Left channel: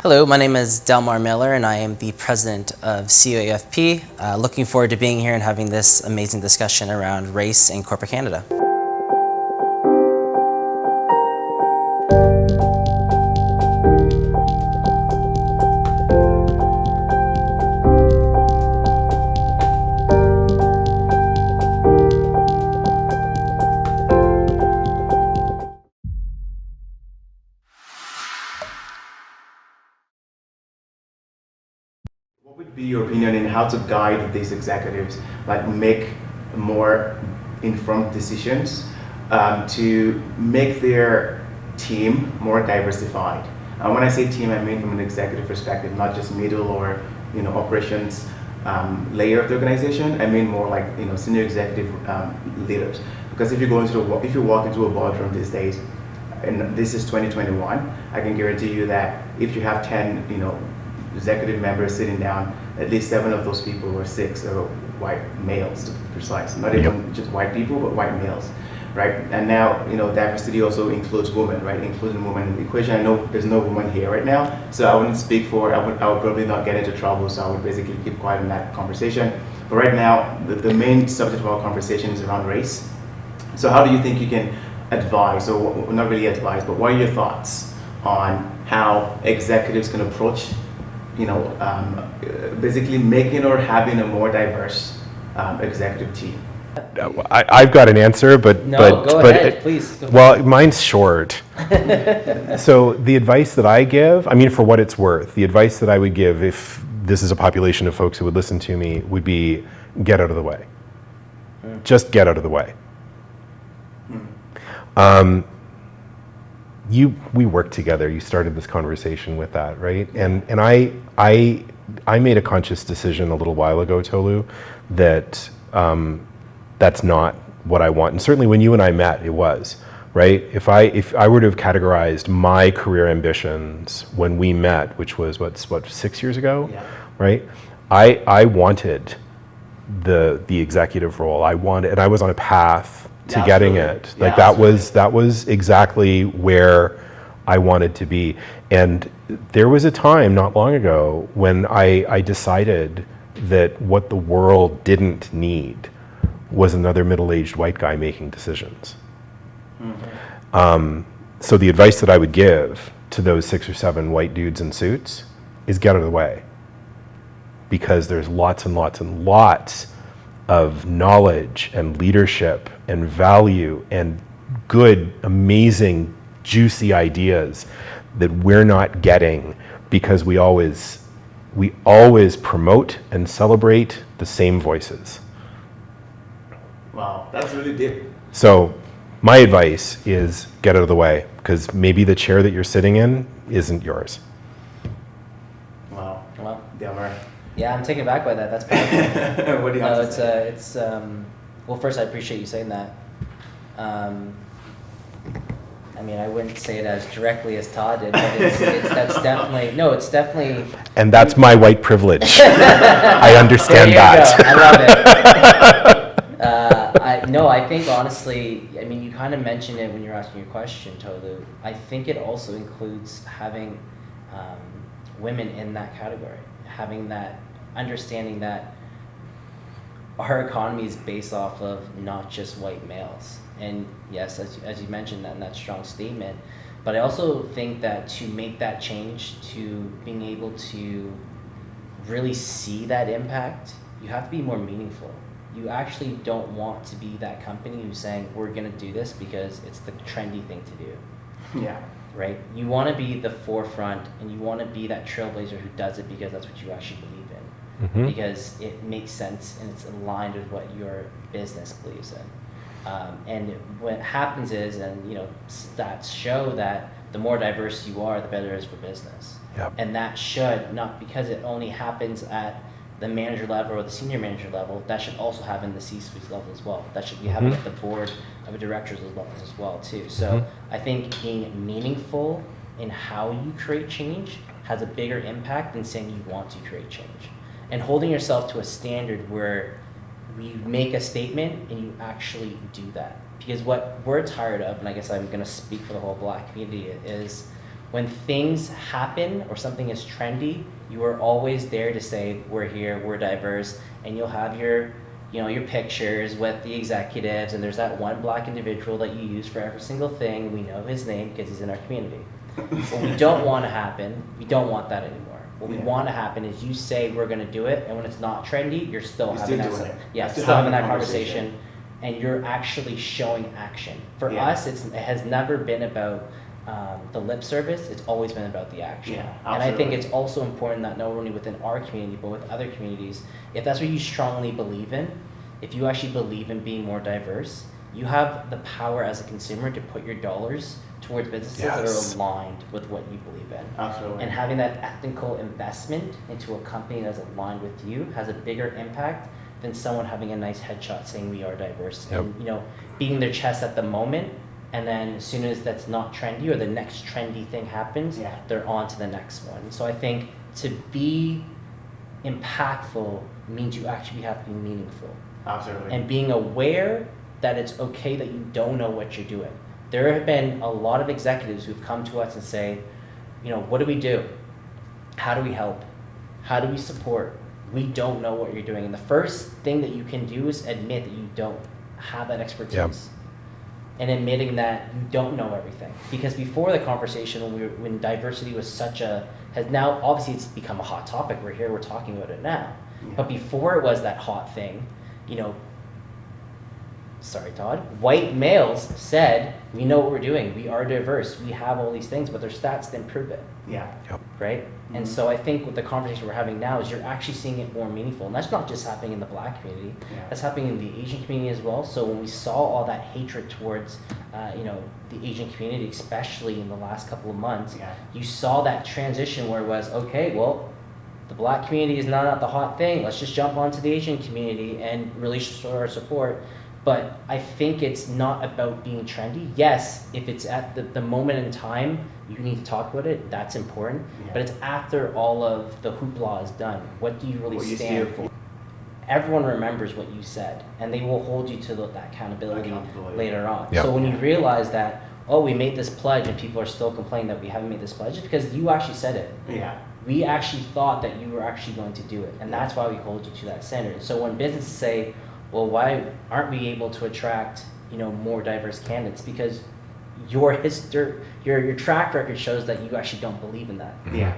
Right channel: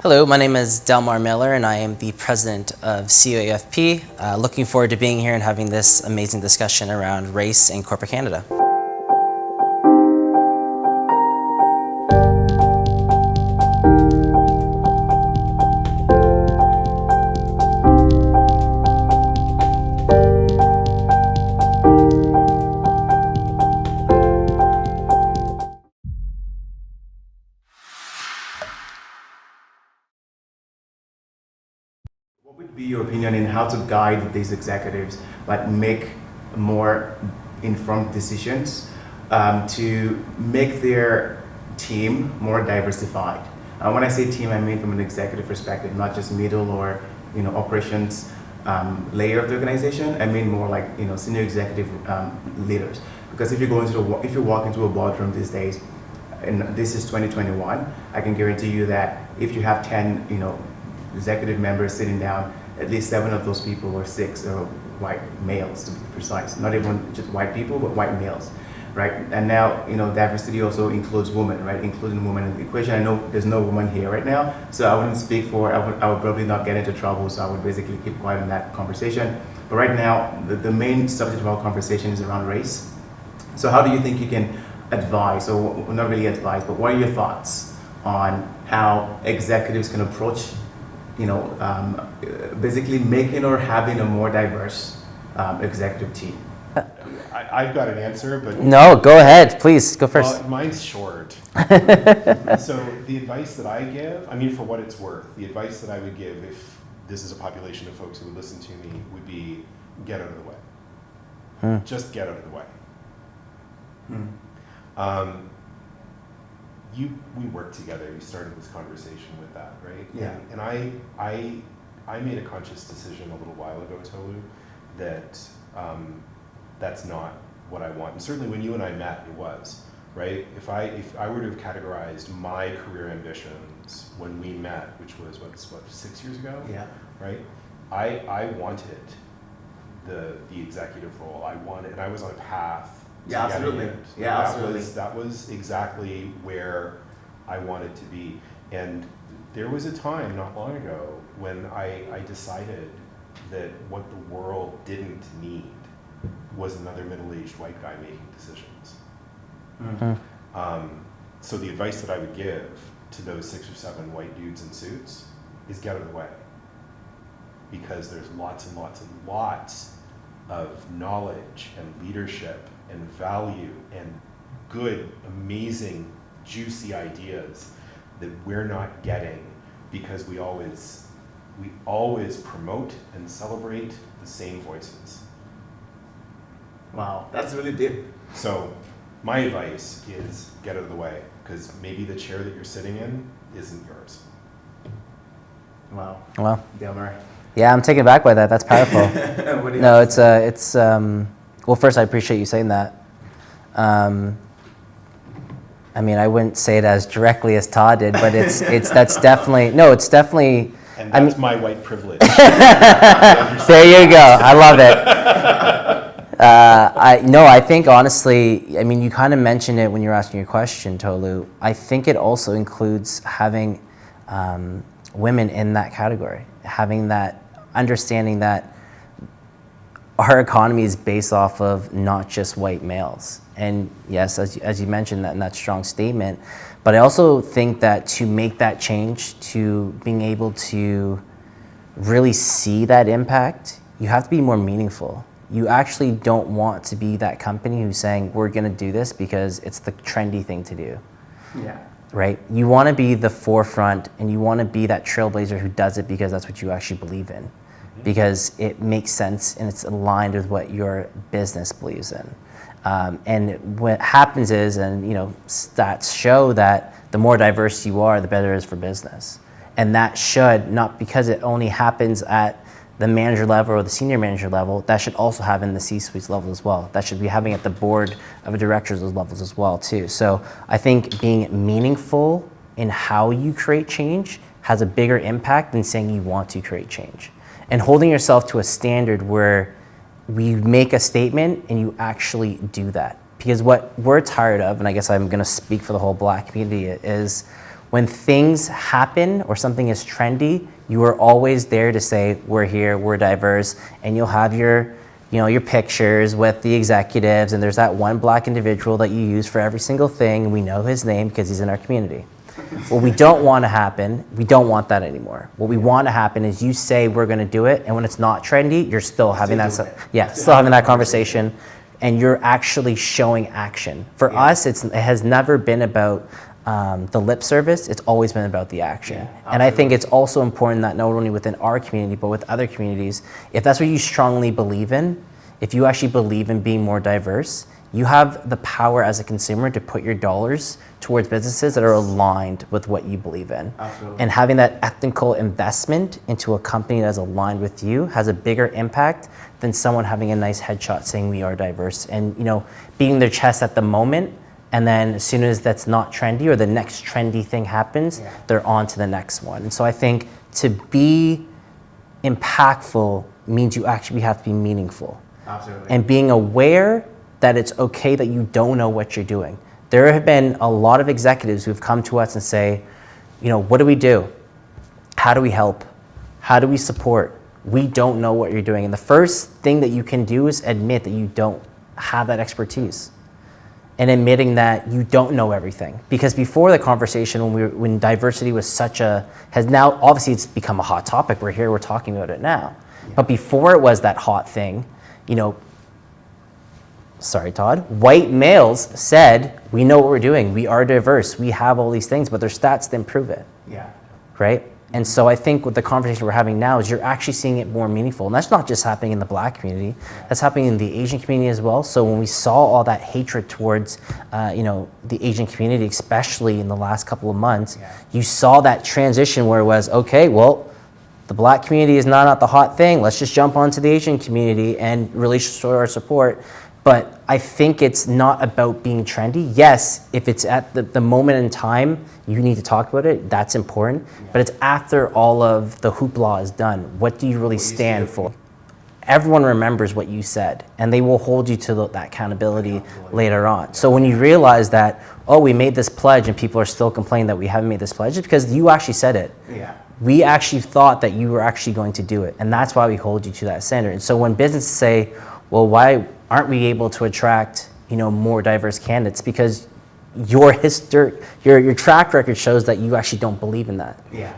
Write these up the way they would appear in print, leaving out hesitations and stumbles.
Hello, my name is Delmar Miller and I am the president of CAUFP. Looking forward to being here and having this amazing discussion around race in corporate Canada. What would be your opinion in how to guide these executives, like make more informed decisions to make their team more diversified? When I say team, I mean from an executive perspective, not just middle or operations layer of the organization. I mean more like senior executive leaders. Because if you walk into a boardroom these days, and this is 2021, I can guarantee you that if you have 10 executive members sitting down, at least 7 of those people or 6 are white males, to be precise. Not even just white people, but white males, right? And now, diversity also includes women, right? Including women in the equation. I know there's no woman here right now, so I wouldn't speak for, I would probably not get into trouble, so I would basically keep quiet in that conversation. But right now, the main subject of our conversation is around race. So how do you think you can advise, or not really advise, but what are your thoughts on how executives can approach basically making or having a more diverse executive team? I've got an answer, but Go ahead, please, go first. Well, mine's short. So the advice that I give, for what it's worth, the advice that I would give if this is a population of folks who would listen to me would be get out of the way. Just get out of the way. We worked together. You started this conversation with that, right? And I made a conscious decision a little while ago, Tolu, that that's not what I want. And certainly when you and I met, it was, right? If I were to have categorized my career ambitions when we met, which was what 6 years ago, right? I wanted the executive role. And I was on a path to getting it. Like that was exactly where I wanted to be. And there was a time not long ago when I decided that what the world didn't need was another middle-aged white guy making decisions. So the advice that I would give to those 6 or 7 white dudes in suits is get out of the way. Because there's lots and lots and lots of knowledge and leadership and value and good, amazing, juicy ideas that we're not getting because we always promote and celebrate the same voices. Wow, that's really deep. So my advice is get out of the way, because maybe the chair that you're sitting in isn't yours. Wow. Delmar. Yeah, I'm taken aback by that. That's powerful. Well, first, I appreciate you saying that. I wouldn't say it as directly as Todd did, but it's definitely. And that's my white privilege. I understand that. There you go. I love it. I think honestly, you kind of mentioned it when you were asking your question, Tolu. I think it also includes having women in that category, having that understanding that our economy is based off of not just white males. And yes, as you mentioned that in that strong statement, but I also think that to make that change, to being able to really see that impact, you have to be more meaningful. You actually don't want to be that company who's saying, we're gonna do this because it's the trendy thing to do. Yeah. Right? You wanna be the forefront and you wanna be that trailblazer who does it because that's what you actually believe in. Because it makes sense and it's aligned with what your business believes in. And what happens is, stats show that the more diverse you are, the better it is for business. Yep. And that should, not because it only happens at the manager level or the senior manager level, that should also happen in the C-suite level as well. That should be happening at the board of directors levels as well too. So I think being meaningful in how you create change has a bigger impact than saying you want to create change. And holding yourself to a standard where we make a statement and you actually do that. Because what we're tired of, and I guess I'm gonna speak for the whole Black community, is when things happen or something is trendy, you are always there to say, we're here, we're diverse, and you'll have your pictures with the executives, and there's that one black individual that you use for every single thing. We know his name because he's in our community. What we don't want to happen, we don't want that anymore. What we want to happen is you say we're going to do it, and when it's not trendy, you're still having that, still having that conversation, and you're actually showing action. For us, it has never been about the lip service. It's always been about the action. And I think it's also important that not only within our community, but with other communities, if that's what you strongly believe in, if you actually believe in being more diverse, you have the power as a consumer to put your dollars towards businesses that are aligned with what you believe in. Absolutely. And having that ethical investment into a company that's aligned with you has a bigger impact than someone having a nice headshot saying we are diverse and beating their chest at the moment, and then as soon as that's not trendy or the next trendy thing happens, they're on to the next one. And so I think to be impactful means you actually have to be meaningful. Absolutely. And being aware that it's okay that you don't know what you're doing. There have been a lot of executives who've come to us and say, what do we do? How do we help? How do we support? We don't know what you're doing. And the first thing that you can do is admit that you don't have that expertise. And admitting that you don't know everything. Because before the conversation, when diversity was has now, obviously it's become a hot topic. We're here, we're talking about it now. But before it was that hot thing, sorry, Todd, white males said, we know what we're doing. We are diverse. We have all these things, but their stats didn't prove it. Right? And so I think with the conversation we're having now is you're actually seeing it more meaningful. And that's not just happening in the black community. That's happening in the Asian community as well. So when we saw all that hatred towards, the Asian community, especially in the last couple of months, you saw that transition where it was, okay, well, the black community is not the hot thing. Let's just jump onto the Asian community and really show our support. But I think it's not about being trendy. Yes, if it's at the moment in time, you need to talk about it. That's important. But it's after all of the hoopla is done. What do you really stand for? Everyone remembers what you said, and they will hold you to that accountability later on. So when you realize that, we made this pledge and people are still complaining that we haven't made this pledge, it's because you actually said it. We actually thought that you were actually going to do it, and that's why we hold you to that standard. And so when businesses say, well, why aren't we able to attract more diverse candidates? Because your track record shows that you actually don't believe in that.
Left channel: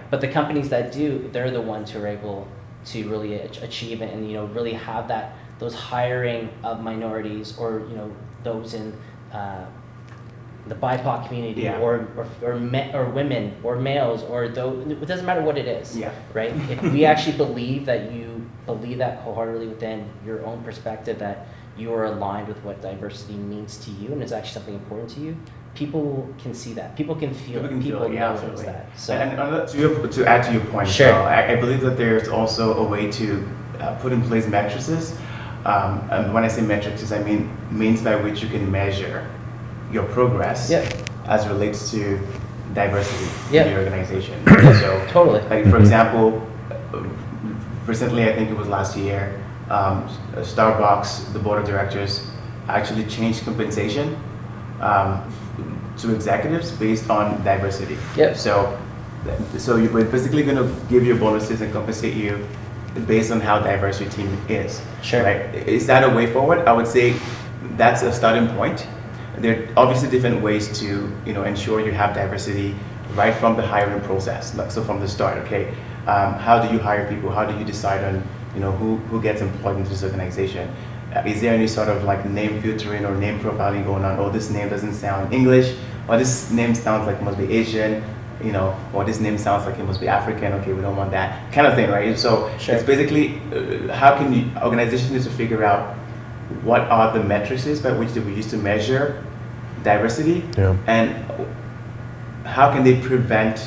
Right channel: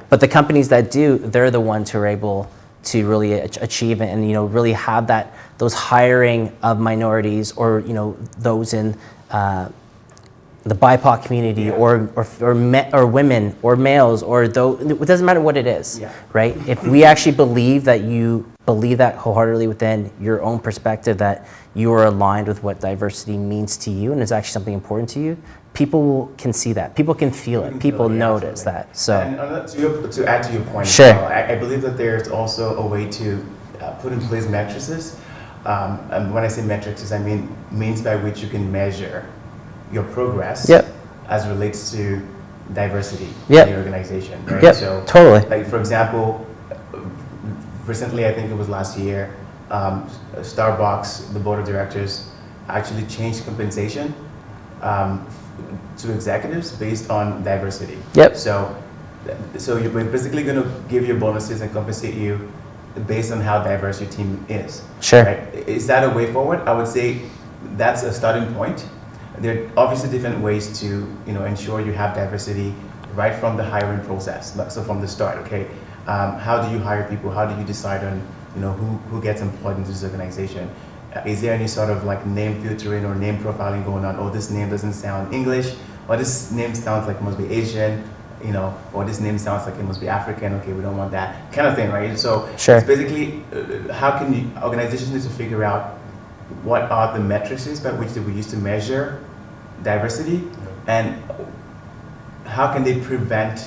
But the companies that do, they're the ones who are able to really achieve it and really have those hiring of minorities or those in the BIPOC community or women or males or those, it doesn't matter what it is, right? If we actually believe that you believe that wholeheartedly within your own perspective that you are aligned with what diversity means to you and is actually something important to you, people can see that. People can feel it. People notice that. So, and to add to your point, sure. I believe that there's also a way to put in place matrices. And when I say matrices, I mean means by which you can measure your progress as relates to diversity in the organization. So, totally. Like for example, recently, I think it was last year, Starbucks, the board of directors, actually changed compensation to executives based on diversity. So you're basically going to give your bonuses and compensate you based on how diverse your team is. Right? Is that a way forward? I would say that's a starting point. There are obviously different ways to ensure you have diversity right from the hiring process. So from the start, okay, how do you hire people? How do you decide on who gets employed into this organization? Is there any sort of like name filtering or name profiling going on? Oh, this name doesn't sound English, or this name sounds like it must be Asian, or this name sounds like it must be African. Okay, we don't want that kind of thing, right? So it's basically how can organizations need to figure out what are the matrices by which we use to measure diversity, and how can they prevent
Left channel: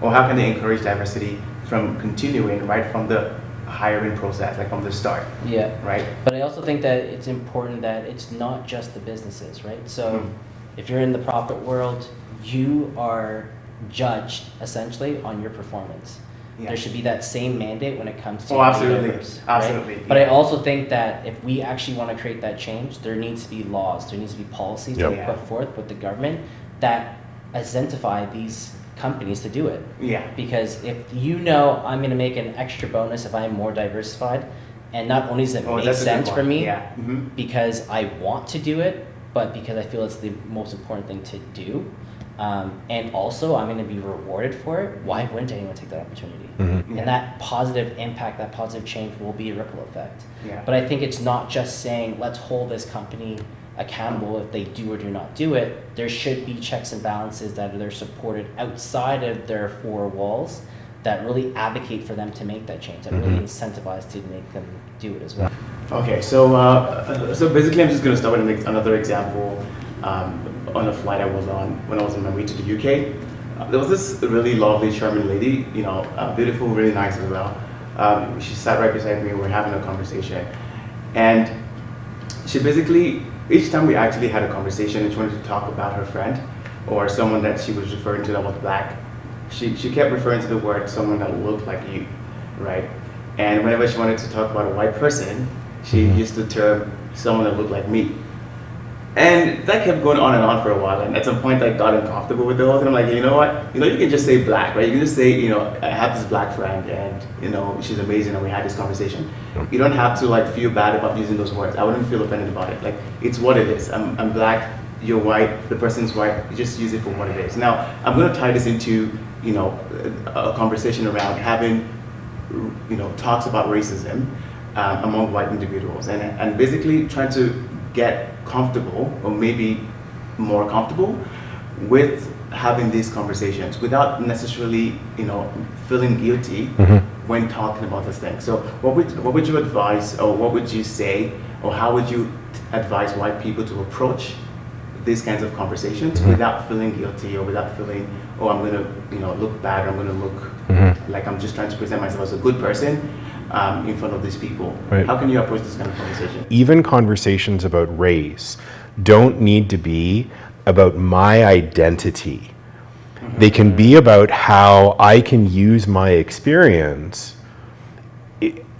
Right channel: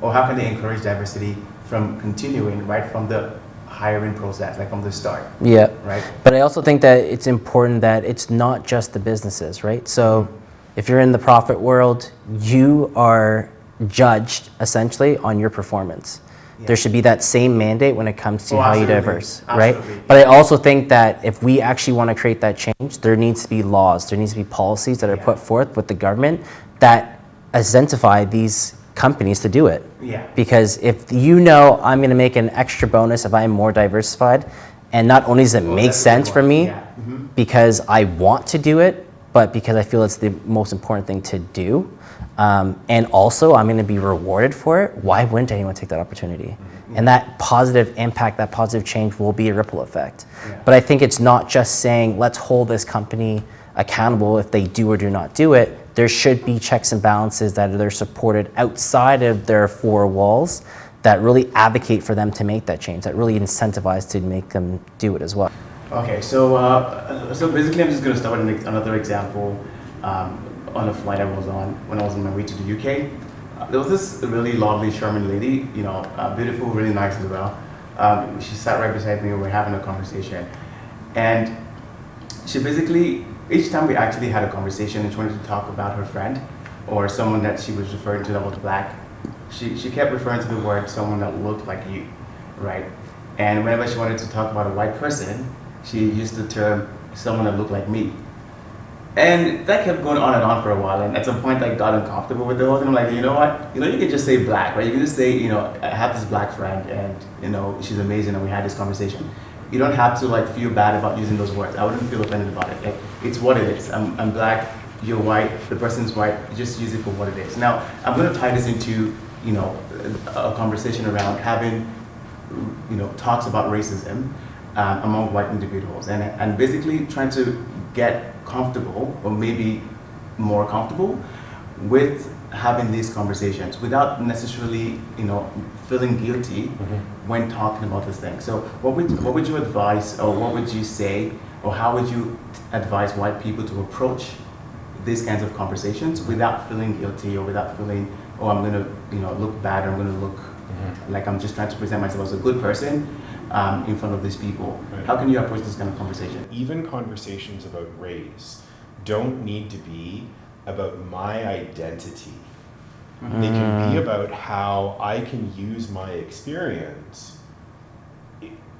or how can they encourage diversity from continuing right from the hiring process, like from the start. Right. But I also think that it's important that it's not just the businesses, right? So if you're in the profit world, you are judged essentially on your performance. There should be that same mandate when it comes to how you diverse, right? But I also think that if we actually want to create that change, there needs to be laws, there needs to be policies that are put forth with the government that identify these companies to do it. Yeah. Because if you know I'm going to make an extra bonus if I am more diversified, and not only does it make that's a sense good for one. me Yeah. Mhm. because I want to do it, but because I feel it's the most important thing to do, and also I'm going to be rewarded for it, why wouldn't anyone take that opportunity? And that positive impact, that positive change will be a ripple effect. Yeah. But I think it's not just saying, let's hold this company accountable if they do or do not do it. There should be checks and balances that are supported outside of their four walls that really advocate for them to make that change, that really incentivize to make them do it as well. Okay, so basically I'm just going to start with another example on a flight I was on when I was on my way to the UK. There was this really lovely, charming lady, beautiful, really nice as well. She sat right beside me, we were having a conversation. And she basically, each time we actually had a conversation and she wanted to talk about her friend or someone that she was referring to that was black, she kept referring to the word someone that looked like you, right? And whenever she wanted to talk about a white person, she used the term someone that looked like me. And that kept going on and on for a while, and at some point I got uncomfortable with those, and I'm like, you know what, you can just say black, right? You can just say, I have this black friend, and she's amazing, and we had this conversation. You don't have to feel bad about using those words. I wouldn't feel offended about it. It's what it is. I'm black, you're white, the person's white. You just use it for what it is. Now I'm going to tie this into a conversation around having talks about racism among white individuals, and basically trying to get comfortable, or maybe more comfortable, with having these conversations without necessarily, feeling guilty when talking about this thing. So what would you advise, or what would you say, or how would you advise white people to approach these kinds of conversations without feeling guilty, or without feeling, oh, I'm gonna, look bad, I'm gonna look like I'm just trying to present myself as a good person in front of these people. Right. How can you approach this kind of conversation? Even conversations about race don't need to be about my identity. They can be about how I can use my experience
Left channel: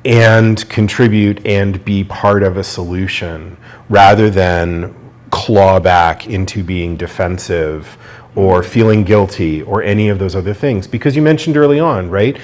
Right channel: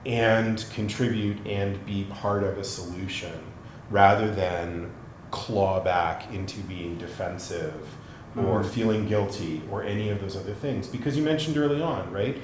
and contribute and be part of a solution, rather than claw back into being defensive or feeling guilty or any of those other things. Because you mentioned early on, right?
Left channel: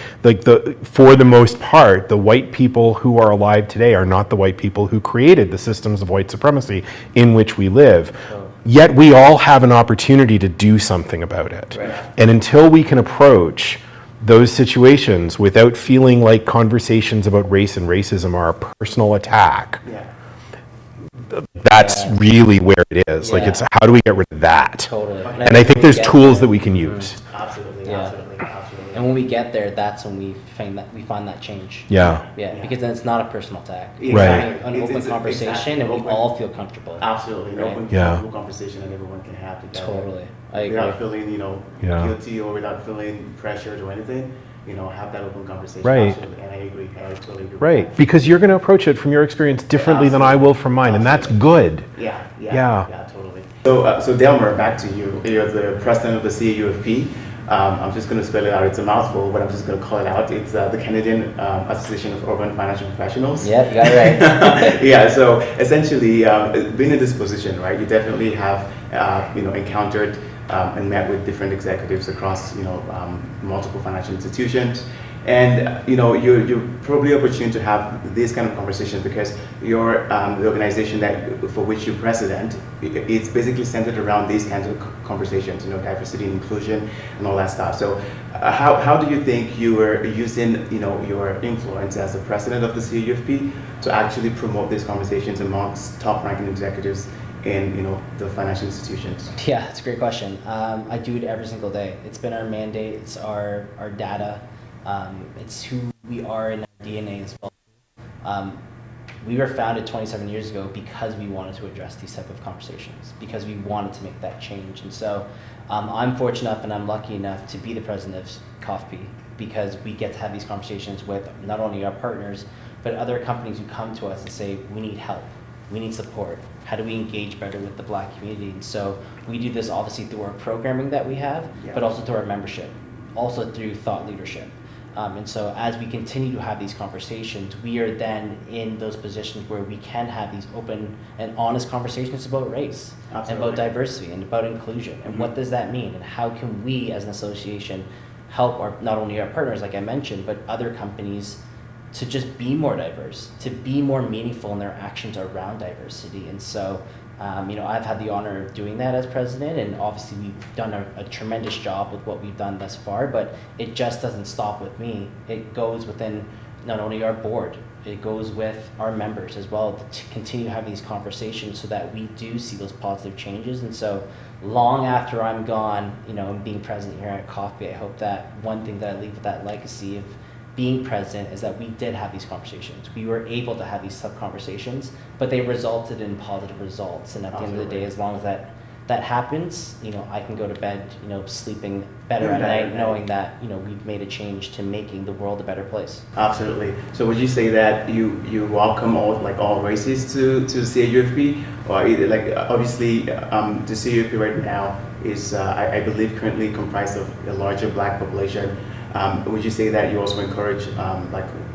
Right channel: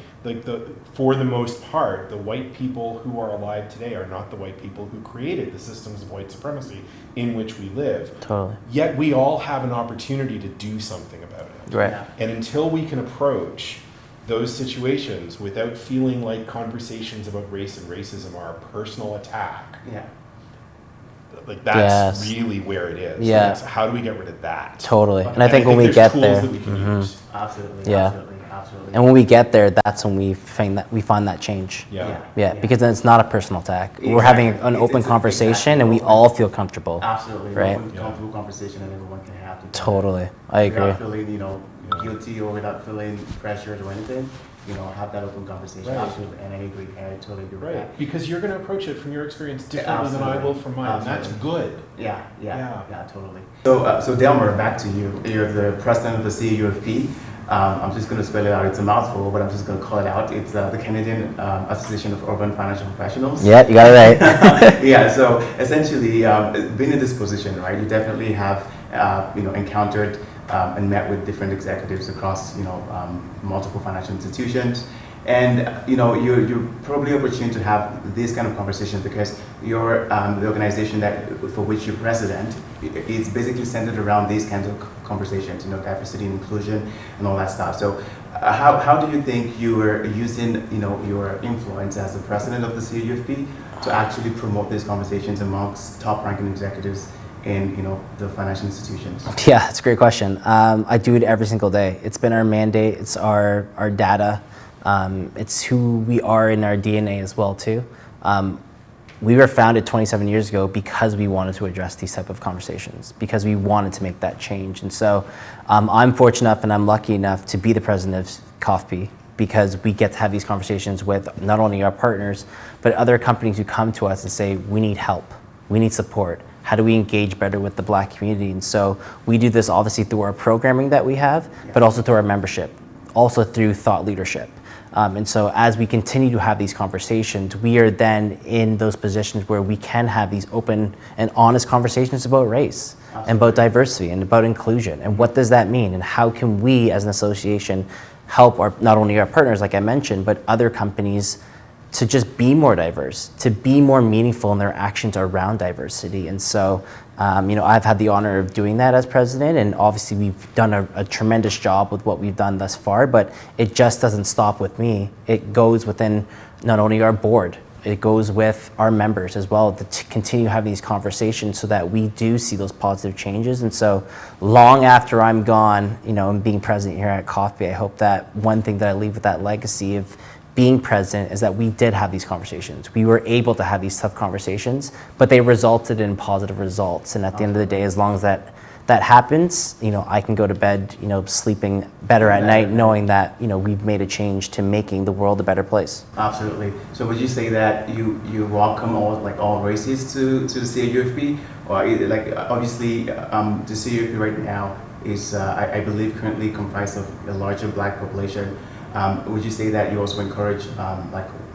For the most part, the white people who are alive today are not the white people who created the systems of white supremacy in which we live. Totally. Yet we all have an opportunity to do something about it. Right. And until we can approach those situations without feeling like conversations about race and racism are a personal attack, Yeah. that's Yes. really where it is. Yeah. It's how do we get rid of that? Totally. And I think when we there's get tools there- that we can use. Absolutely. Yeah. Absolutely. And when we get there, that's when we find that change. Yeah. Yeah, because then it's not a personal attack. We're Right. having an It's- open it's conversation, exactly and we open. all feel comfortable. Absolutely. Right. Open, Yeah. comfortable conversation that everyone can have. together. Totally, I agree. Without feeling, Yeah. guilty, or without feeling pressured or anything. Have that open conversation. Right. Absolutely. And I agree. I totally agree. Right. With Because you're going to approach it from your experience differently than I will from mine, and that's good. that. Yeah. Yeah. Totally. So Delmar, back to you. You're the president of the CAUFP. I'm just going to spell it out. It's a mouthful, but I'm just going to call it out. It's the Canadian Association of Urban Financial Professionals. Yeah, you got it right. Yeah. So essentially, being in this position, right, you definitely have, encountered and met with different executives across, multiple financial institutions. And you're probably opportune to have this kind of conversation because your the organization for which you're president is basically centered around these kinds of conversations, diversity and inclusion and all that stuff. So how do you think you are using your influence as the president of the CAUFP to actually promote these conversations amongst top-ranking executives in the financial institutions? Yeah, that's a great question. I do it every single day. It's been our mandate. It's our data. It's who we are in our DNA as well too. We were founded 27 years ago because we wanted to address these type of conversations, because we wanted to make that change. And so I'm fortunate enough and I'm lucky enough to be the president of CAUFP, because we get to have these conversations with not only our partners, but other companies who come to us and say, we need help, we need support. How do we engage better with the Black community? And so we do this obviously through our programming that we have, but also through our membership, also through thought leadership. And so as we continue to have these conversations, we are then in those positions where we can have these open and honest conversations about race. and about diversity and about inclusion. And what does that mean? And how can we as an association help not only our partners, like I mentioned, but other companies to just be more diverse, to be more meaningful in their actions around diversity. And so, I've had the honor of doing that as president, and obviously we've done a tremendous job with what we've done thus far, but it just doesn't stop with me. It goes within not only our board, it goes with our members as well to continue having these conversations so that we do see those positive changes. And so long after I'm gone, and being president here at CAUFP, I hope that one thing that I leave with that legacy of being president is that we did have these conversations. We were able to have these tough conversations, but they resulted in positive results. And at the end of the day, as long as that happens, I can go to bed, sleeping better at night, knowing that, we've made a change to making the world a better place. Absolutely. So would you say that you welcome all races to CAUFP? Or obviously, the CAUFP right now is, I believe, currently comprised of a larger Black population. Would you say that you also encourage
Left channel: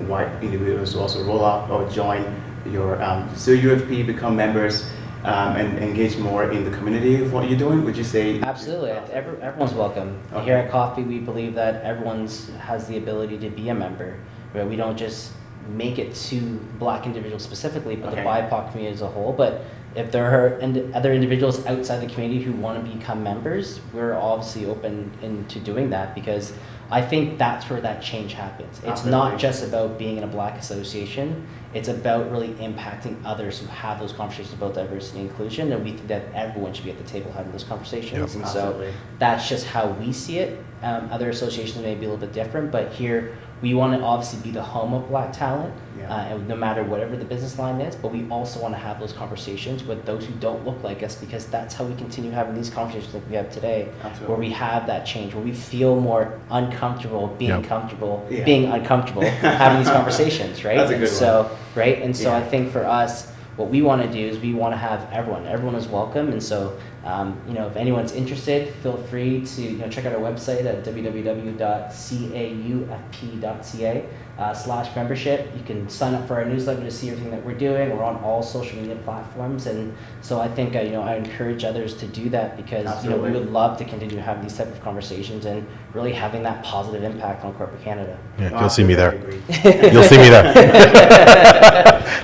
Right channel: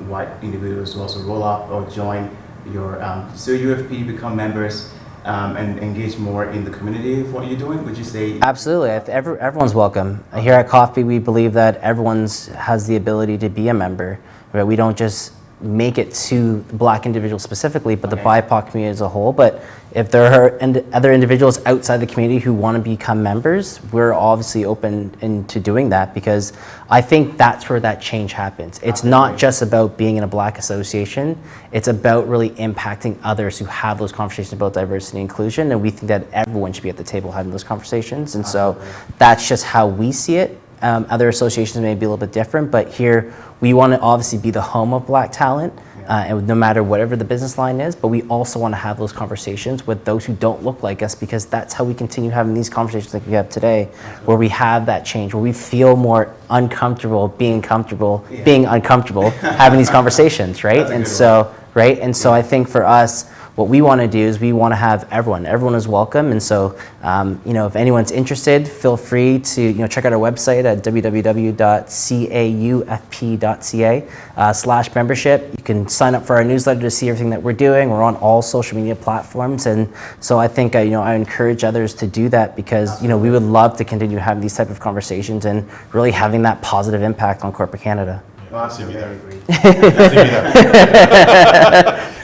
white individuals to also roll up or join your CAUFP, become members, and engage more in the community of what you're doing? Would you say? Absolutely. Everyone's welcome. Okay. Here at CAUFP, we believe that everyone has the ability to be a member. Right? We don't just make it to Black individuals specifically, but the BIPOC community as a whole. But if there are other individuals outside the community who want to become members, we're obviously open into doing that, because I think that's where that change happens. It's not just about being in a Black association, it's about really impacting others who have those conversations about diversity and inclusion, and we think that everyone should be at the table having those conversations. And so that's just how we see it. Other associations may be a little bit different, but here we want to obviously be the home of Black talent, and no matter whatever the business line is, but we also want to have those conversations with those who don't look like us, because that's how we continue having these conversations like we have today, where we have that change, where we feel more uncomfortable being comfortable, being uncomfortable, having these conversations, right? And so, I think for us, what we want to do is we want to have everyone is welcome. And so, if anyone's interested, feel free to check out our website at www.caufp.ca/membership. You can sign up for our newsletter to see everything that we're doing. We're on all social media platforms, and so I think I encourage others to do that, because we would love to continue having these type of conversations and really having that positive impact on corporate Canada. Yeah, you'll see me there. You'll see me there.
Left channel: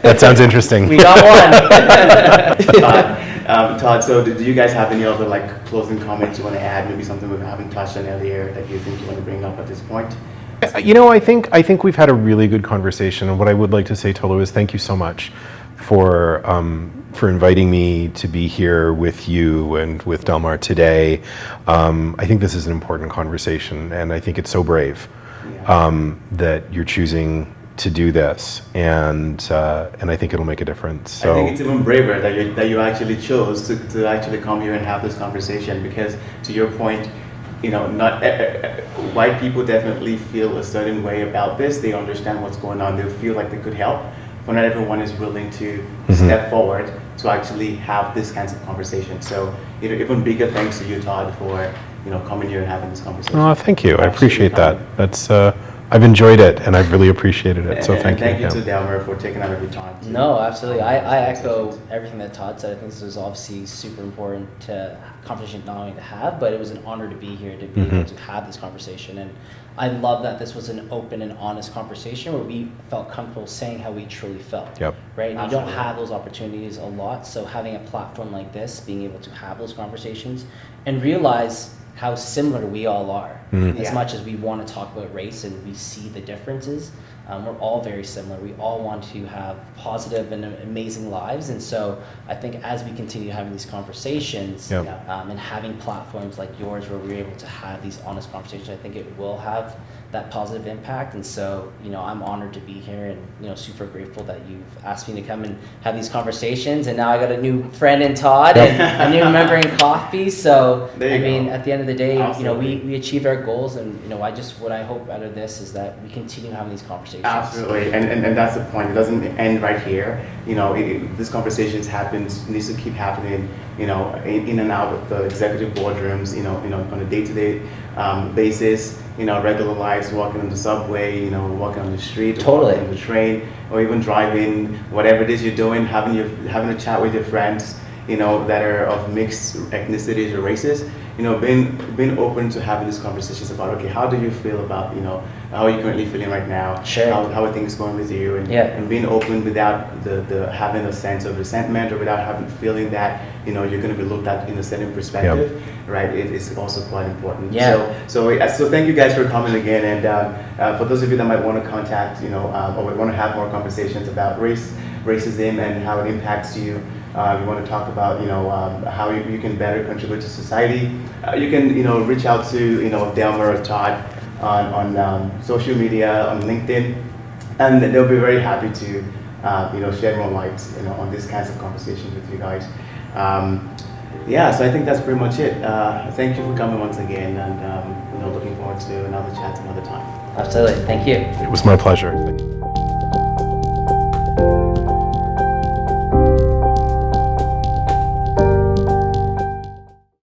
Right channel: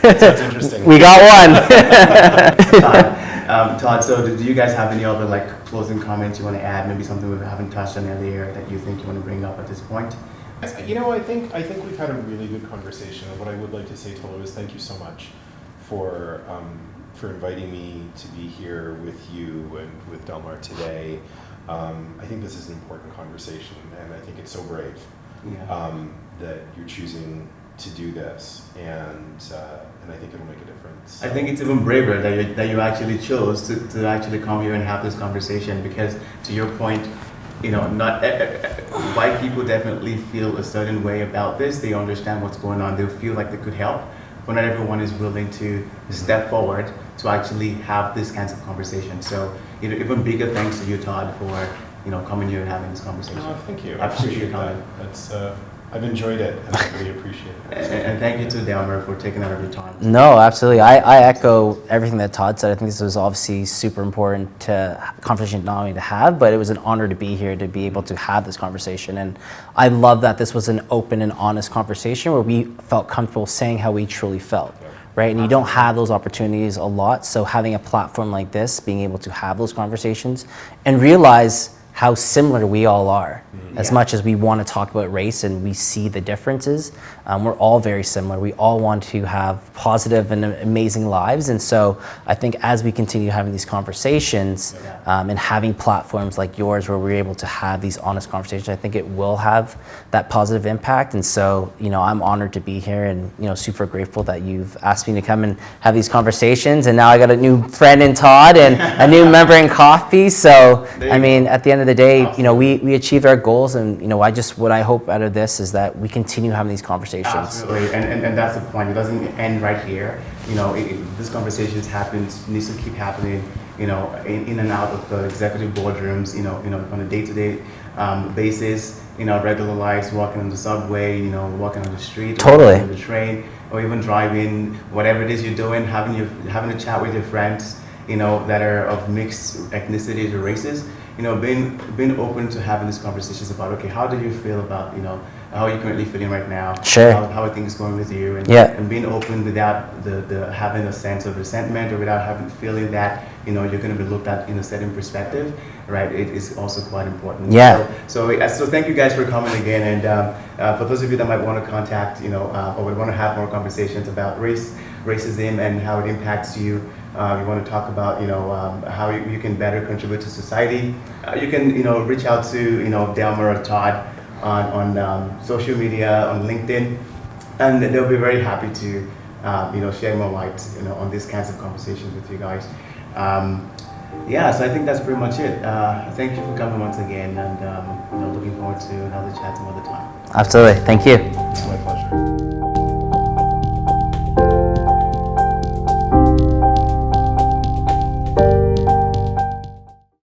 That sounds interesting. We got one. Todd, so do you guys have any other closing comments you want to add? Maybe something we haven't touched on earlier that you think you want to bring up at this point? I think we've had a really good conversation, and what I would like to say, Tolu, is thank you so much for inviting me to be here with you and with Delmar today. I think this is an important conversation, and I think it's so brave that you're choosing to do this, and I think it'll make a difference. So I think it's even braver that you actually chose to actually come here and have this conversation, because to your point, not white people definitely feel a certain way about this. They understand what's going on. They feel like they could help, but not everyone is willing to step forward to actually have this kinds of conversation. So even bigger thanks to you, Todd, for coming here and having this conversation. Oh, thank you. I appreciate that. That's I've enjoyed it, and I've really appreciated it. So thank you. Thank you to Delmar for taking out of your time. No, absolutely. I echo everything that Todd said. I think this was obviously super important conversation not only to have, but it was an honor to be here, to be able to have this conversation. And I love that this was an open and honest conversation where we felt comfortable saying how we truly felt. Right? And you don't have those opportunities a lot. So having a platform like this, being able to have those conversations and realize how similar we all are. As much as we want to talk about race and we see the differences, we're all very similar. We all want to have positive and amazing lives. And so I think as we continue having these conversations and having platforms like yours where we're able to have these honest conversations, I think it will have that positive impact. And so, I'm honored to be here and, super grateful that you've asked me to come and have these conversations. And now I got a new friend in Todd and a new member in CAUFP. So, at the end of the day, we achieved our goals, and what I hope out of this is that we continue having these conversations. Absolutely, and that's the point. It doesn't end right here. These conversations needs to keep happening. In and out of the executive boardrooms. On a day-to-day basis. Regular lives, walking on the subway. Walking on the street. Totally. On the train, or even driving. Whatever it is you're doing, having a chat with your friends. that are of mixed ethnicities or races, being open to having these conversations about, okay, how do you feel about, how are you currently feeling right now? Sure. How are things going with you? And being open without the having a sense of resentment, or without feeling that, you're going to be looked at in a certain perspective, right? It is also quite important. Yeah. So thank you guys for coming again. And for those of you that might want to contact, or would want to have more conversations about racism and how it impacts you, you want to talk about, how you can better contribute to society, you can, reach out to, Delmar or Todd on social media, on LinkedIn, and they'll be very happy to, share more light, on these kinds of conversations with you guys. So I think that's pretty much it. Thank you for coming once again, and looking forward to another chat some other time. Absolutely. Thank you. It was my pleasure.